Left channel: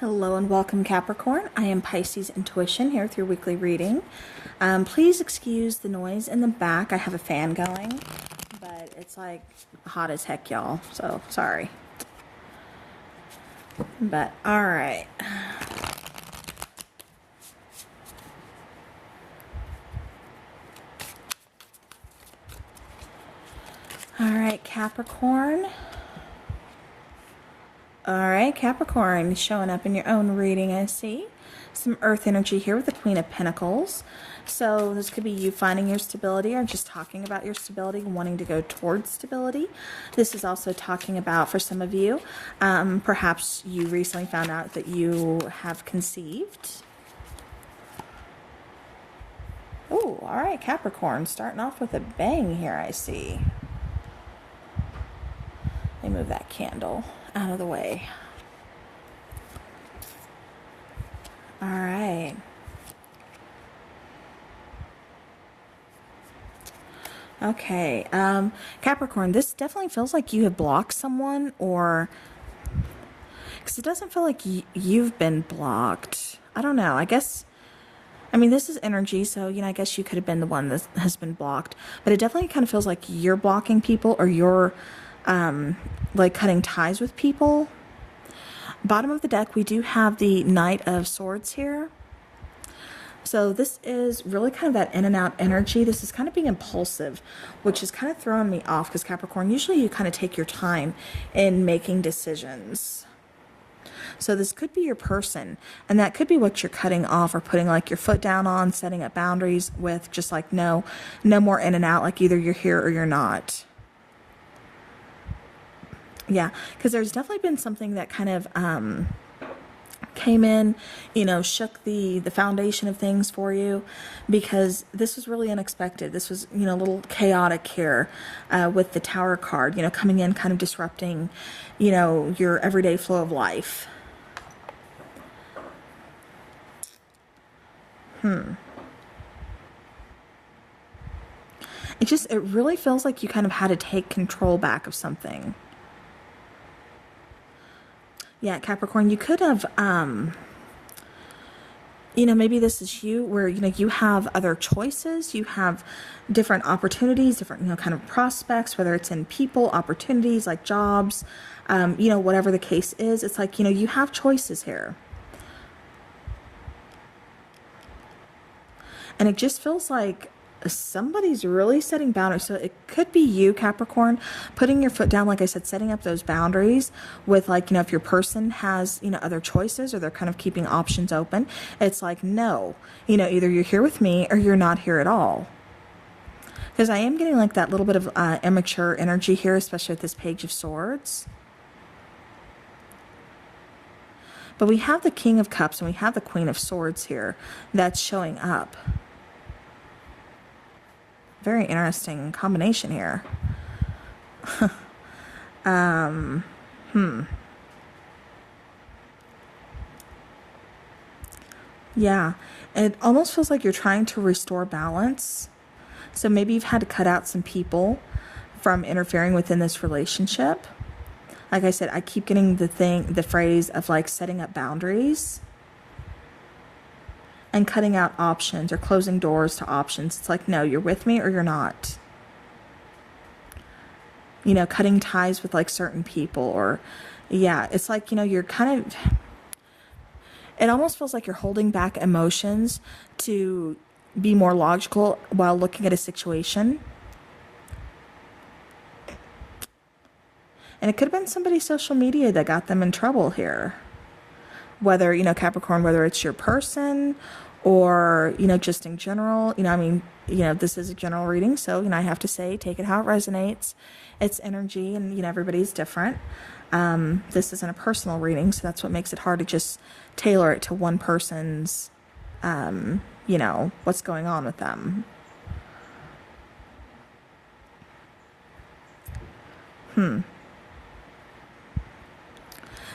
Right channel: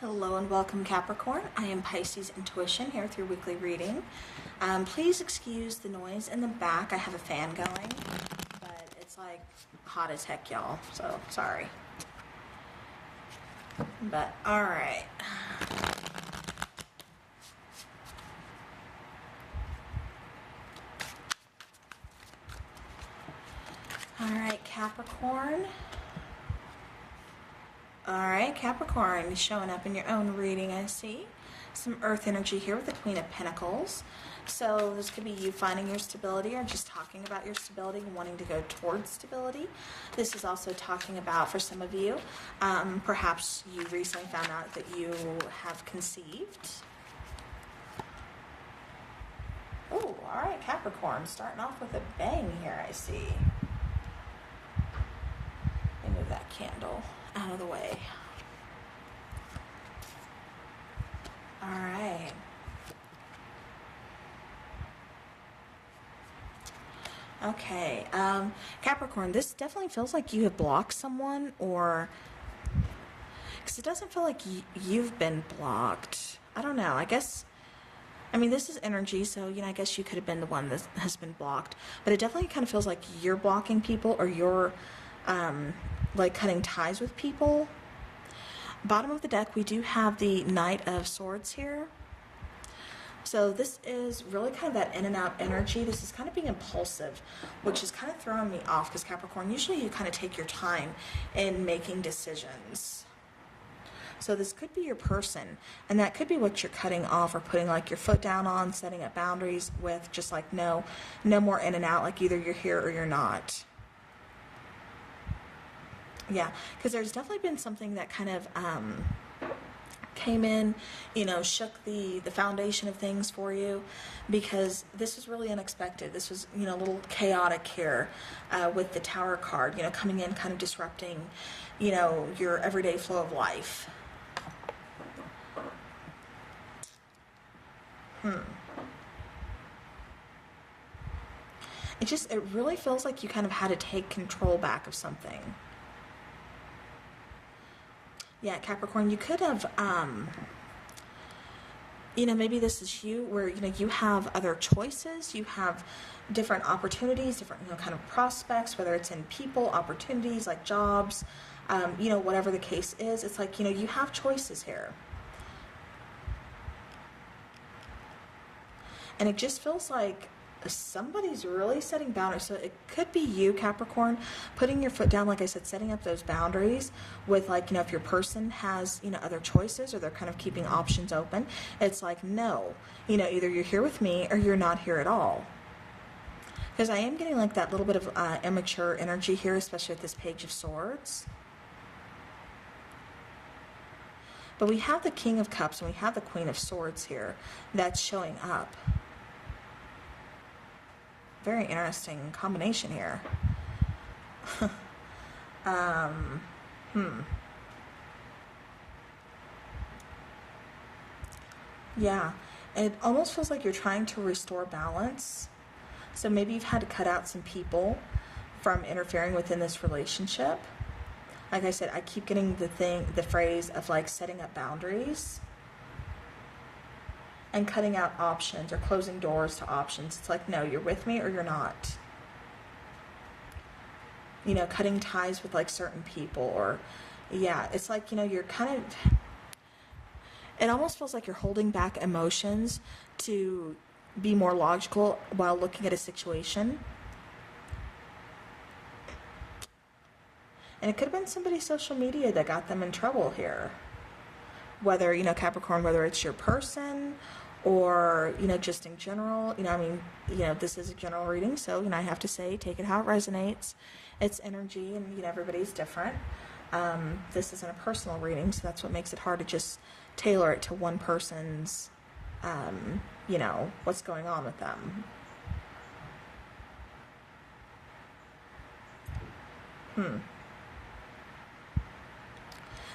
Hello and welcome, Capricorn. I am Pisces Intuition here with your weekly reading. Please excuse the noise in the back. I have a fan going, but it's like hot as heck, y'all. So sorry. But all right. All right, Capricorn. Alright, Capricorn, showing up in your own reading, I see. Some earth energy here with the Queen of Pentacles. So this could be you finding your stability or just talking about your stability, wanting to go towards stability. This is also talking about, for some of you, perhaps you recently found out that you have conceived. Oh, alright, Capricorn, starting off with a bang here, I see. Let me move that candle out of the way. All right. Okay. Capricorn, this definitely feels like you have blocked someone, or because it doesn't feel like you've been blocked. I don't know. I mean, this is energy, so, I guess you could have been the one that has been blocked, but it definitely kind of feels like you're blocking people, or you're like cutting ties with people. Bottom of the deck, we do have the Knight of Swords here. So this is really kind of that in and out energy. This is kind of being impulsive, which is kind of throwing me off because Capricorn, usually you kind of take your time in making decisions. So this could be your person, and that could be what you're cutting off or putting like your foot down on, setting up boundaries with, just like no more in and out, like either you're here or you're not. Yeah, because there's definitely been something that kind of came in, shook the foundation of things for you, because this was really unexpected. This was, a little chaotic here with the Tower card, coming in, kind of disrupting, your everyday flow of life. It really feels like you kind of had to take control back of something. Yeah, Capricorn, you could have, maybe this is you where, you have other choices, you have different opportunities, different, kind of prospects, whether it's in people, opportunities like jobs, whatever the case is. It's like, you have choices here. And it just feels like somebody's really setting boundaries. So it could be you, Capricorn, putting your foot down, like I said, setting up those boundaries with, like, if your person has, other choices, or they're kind of keeping options open. It's like, no, either you're here with me or you're not here at all. Because I am getting like that little bit of immature energy here, especially with this Page of Swords. But we have the King of Cups and we have the Queen of Swords here that's showing up. Very interesting combination here. Yeah, it almost feels like you're trying to restore balance. So maybe you've had to cut out some people from interfering within this relationship. Like I said, I keep getting the phrase of like setting up boundaries and cutting out options or closing doors to options. It's like, no, you're with me or you're not. Cutting ties with like certain people, or yeah, it's like, you're kind of, it almost feels like you're holding back emotions to be more logical while looking at a situation. And it could have been somebody's social media that got them in trouble here. Whether, Capricorn, whether it's your person or, just in general, this is a general reading. So, I have to say, take it how it resonates. It's energy, and, everybody's different. This isn't a personal reading, so that's what makes it hard to just tailor it to one person's, what's going on with them.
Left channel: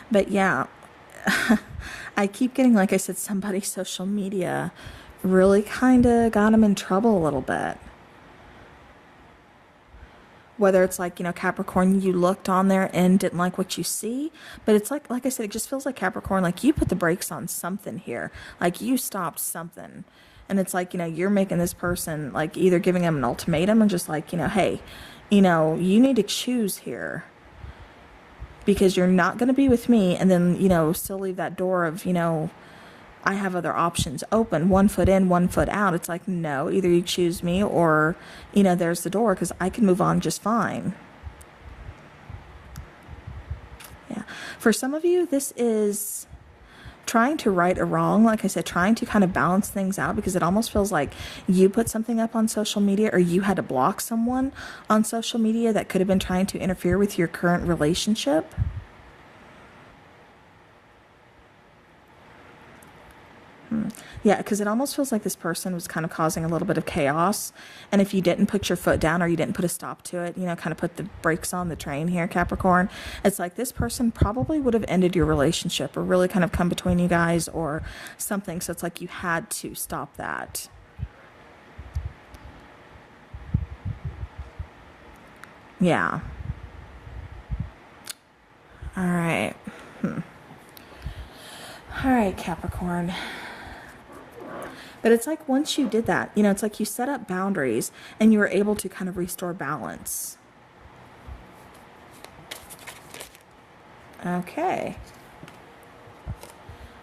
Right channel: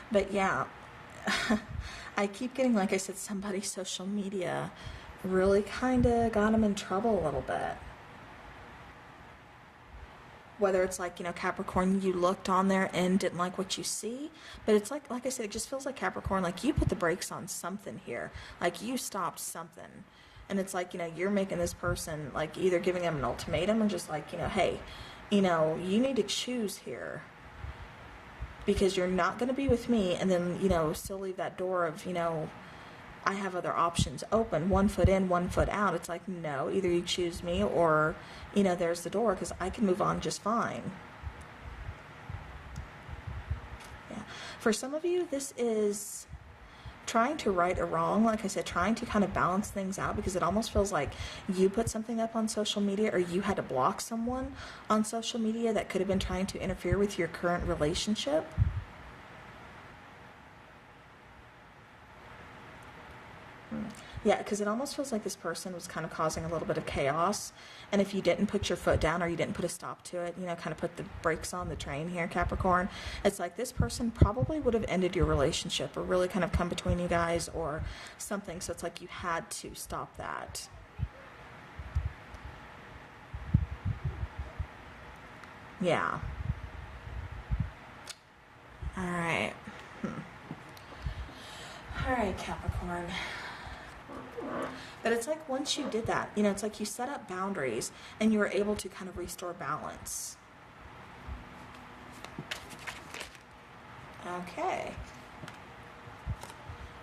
But yeah, I keep getting, like I said, somebody's social media really kind of got them in trouble a little bit. whether it's like, you know, Capricorn, you looked on there and didn't like what you see, but it's like I said, it just feels like Capricorn, like you put the brakes on something here, like you stopped something. And it's like, you know, you're making this person, like, either giving them an ultimatum or just like, you know, hey, you know, you need to choose here, because you're not going to be with me and then, you know, still leave that door of, you know, I have other options open, 1 foot in, 1 foot out. It's like, no, either you choose me or, you know, there's the door, because I can move on just fine. Yeah. For some of you, this is trying to right a wrong. Like I said, trying to kind of balance things out, because it almost feels like you put something up on social media, or you had to block someone on social media that could have been trying to interfere with your current relationship. Yeah, because it almost feels like this person was kind of causing a little bit of chaos. And if you didn't put your foot down, or you didn't put a stop to it, you know, kind of put the brakes on the train here, Capricorn, it's like this person probably would have ended your relationship, or really kind of come between you guys or something. So it's like you had to stop that. Yeah. All right. All right, Capricorn. But it's like once you did that, you know, it's like you set up boundaries and you were able to kind of restore balance. Okay.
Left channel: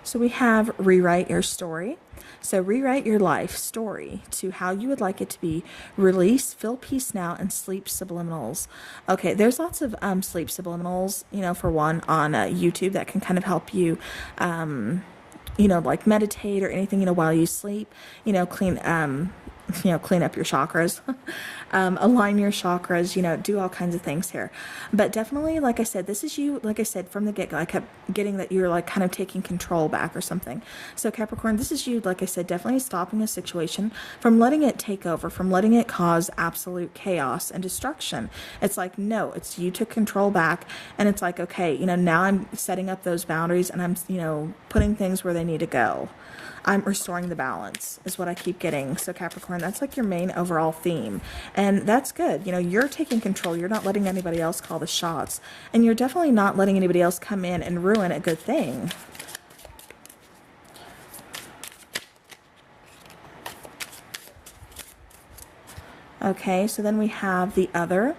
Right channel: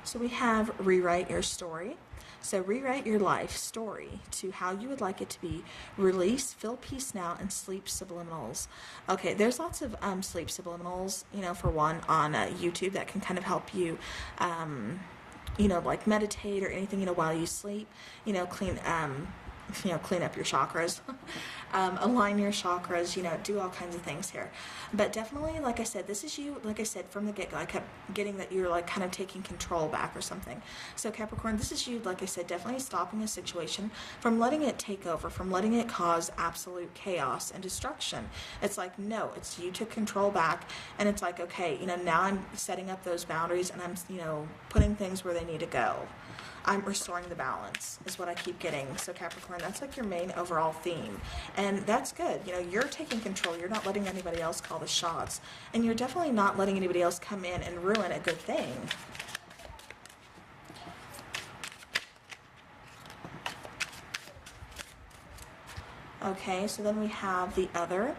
So we have rewrite your story. So rewrite your life story to how you would like it to be. Release, feel peace now, and sleep subliminals. Okay, there's lots of sleep subliminals, you know, for one on YouTube that can kind of help you you know, like meditate or anything, you know, while you sleep, you know, clean up your chakras, align your chakras, you know, do all kinds of things here. But definitely, like I said, this is you, like I said, from the get-go, I kept getting that you're like kind of taking control back or something. So Capricorn, this is you, like I said, definitely stopping a situation from letting it take over, from letting it cause absolute chaos and destruction. It's like, no, it's you took control back, and it's like, okay, you know, now I'm setting up those boundaries, and I'm, you know, putting things where they need to go. I'm restoring the balance is what I keep getting. So Capricorn, that's like your main overall theme. And that's good. You know, you're taking control. You're not letting anybody else call the shots. And you're definitely not letting anybody else come in and ruin a good thing. Okay, so then we have the other.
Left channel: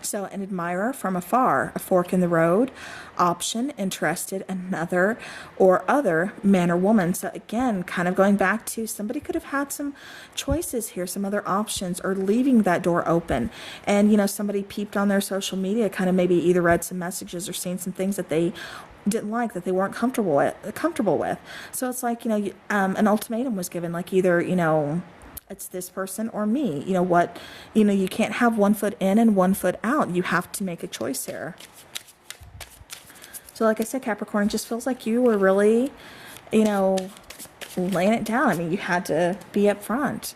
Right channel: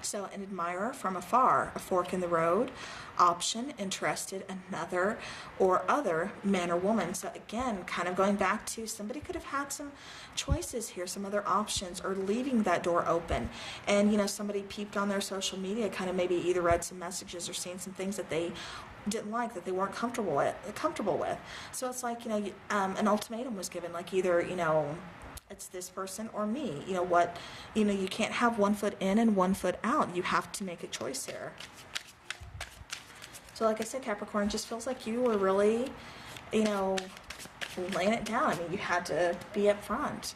So an admirer from afar, a fork in the road, option, interested, another, or other, man or woman. So again, kind of going back to somebody could have had some choices here, some other options, or leaving that door open. And, you know, somebody peeped on their social media, kind of maybe either read some messages or seen some things that they didn't like, that they weren't comfortable with. So it's like, you know, an ultimatum was given, like either, you know, it's this person or me. You know what? You know, you can't have 1 foot in and 1 foot out. You have to make a choice here. So like I said, Capricorn, it just feels like you were really, you know, laying it down. I mean, you had to be up front.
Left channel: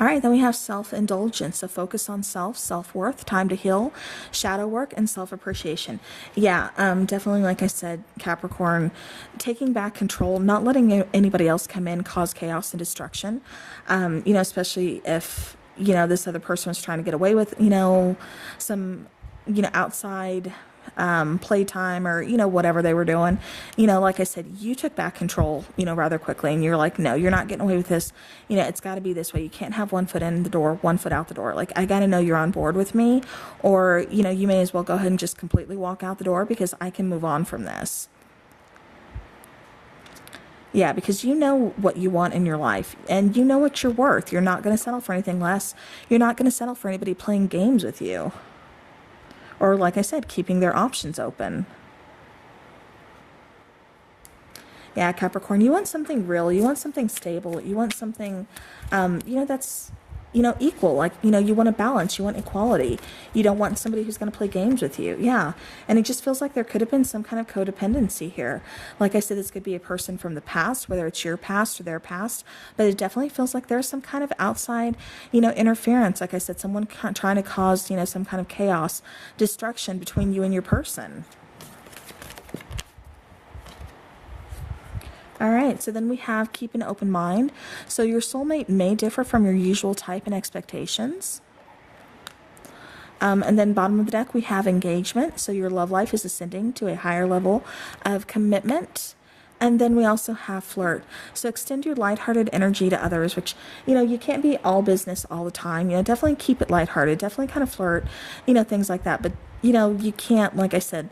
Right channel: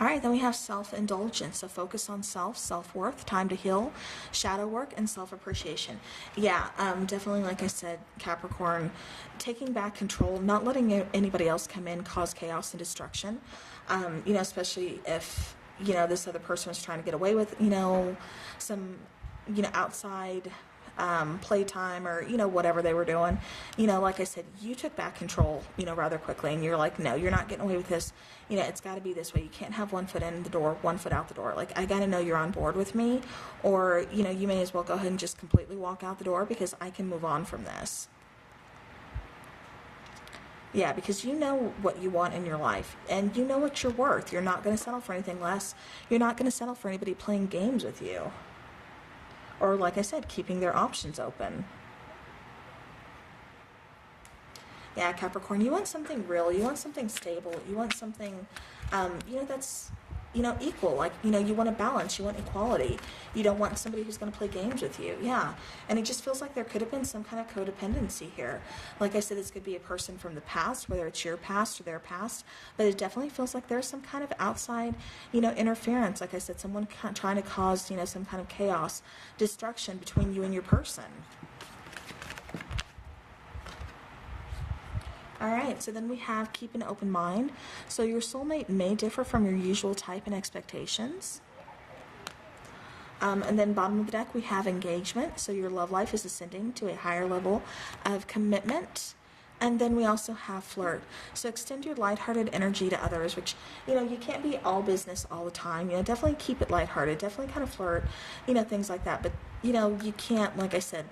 All right, then we have self-indulgence. So focus on self, self-worth, time to heal, shadow work, and self-appreciation. Yeah, definitely, like I said, Capricorn, taking back control, not letting anybody else come in, cause chaos and destruction. You know, especially if, you know, this other person was trying to get away with, you know, some, you know, outside playtime or, you know, whatever they were doing. You know, like I said, you took back control, you know, rather quickly, and you're like, no, you're not getting away with this. You know, it's got to be this way. You can't have 1 foot in the door, 1 foot out the door. Like, I got to know you're on board with me, or, you know, you may as well go ahead and just completely walk out the door, because I can move on from this. Yeah, because you know what you want in your life, and you know what you're worth. You're not going to settle for anything less. You're not going to settle for anybody playing games with you. Or, like I said, keeping their options open. Yeah, Capricorn, you want something real. You want something stable. You want something, you know, that's, you know, equal. Like, you know, you want a balance. You want equality. You don't want somebody who's going to play games with you. Yeah. And it just feels like there could have been some kind of codependency here. Like I said, this could be a person from the past, whether it's your past or their past, but it definitely feels like there's some kind of outside, you know, interference. Like I said, someone trying to cause, you know, some kind of chaos, destruction between you and your person. All right, so then we have keep an open mind. So your soulmate may differ from your usual type and expectations. And then bottom of the deck, we have engagement. So your love life is ascending to a higher level of commitment. And then we also have flirt. So extend your lighthearted energy to others, which, you can't be all business all the time. Definitely keep it lighthearted. Definitely kind of flirt, things like that. But, you can't, like I said,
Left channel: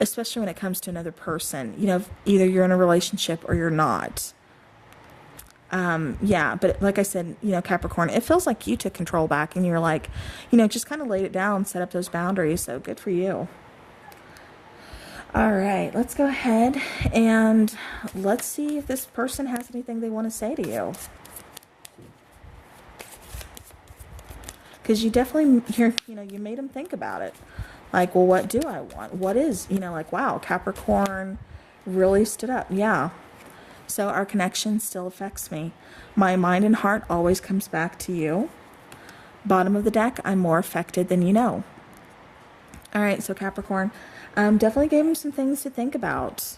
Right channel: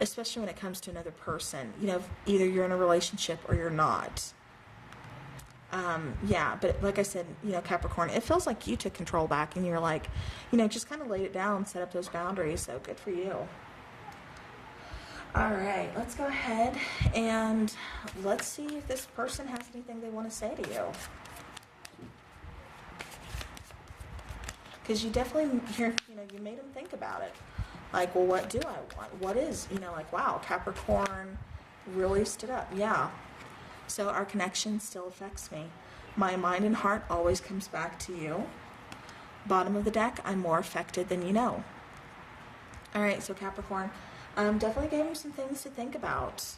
especially when it comes to another person, either you're in a relationship or you're not. Yeah, but like I said, Capricorn, it feels like you took control back and you're like, just kind of laid it down, set up those boundaries. So good for you. All right, let's go ahead and let's see if this person has anything they want to say to you. Because you definitely, you made them think about it. Like, well, what do I want? What is, like, wow, Capricorn really stood up. Yeah. So our connection still affects me. My mind and heart always comes back to you. Bottom of the deck, I'm more affected than you know. All right, so Capricorn, definitely gave them some things to think about.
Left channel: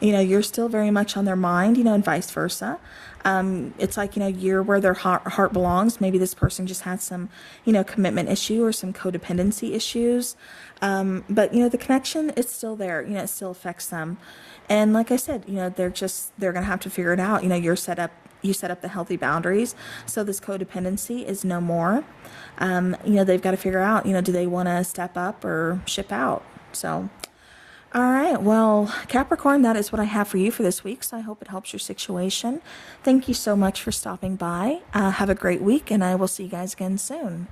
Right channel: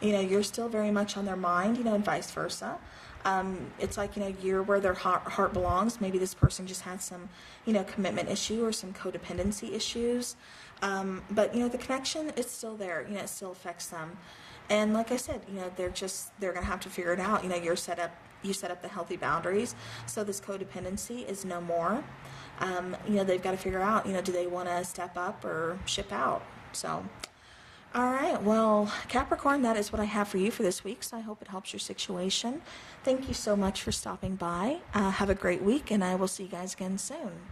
You're still very much on their mind, and vice versa. It's like, you're where their heart belongs. Maybe this person just had some, commitment issue or some codependency issues. But, the connection is still there. It still affects them. And like I said, they're going to have to figure it out. You set up the healthy boundaries. So this codependency is no more. They've got to figure out, do they want to step up or ship out? So, all right. Well, Capricorn, that is what I have for you for this week. So I hope it helps your situation. Thank you so much for stopping by. Have a great week, and I will see you guys again soon.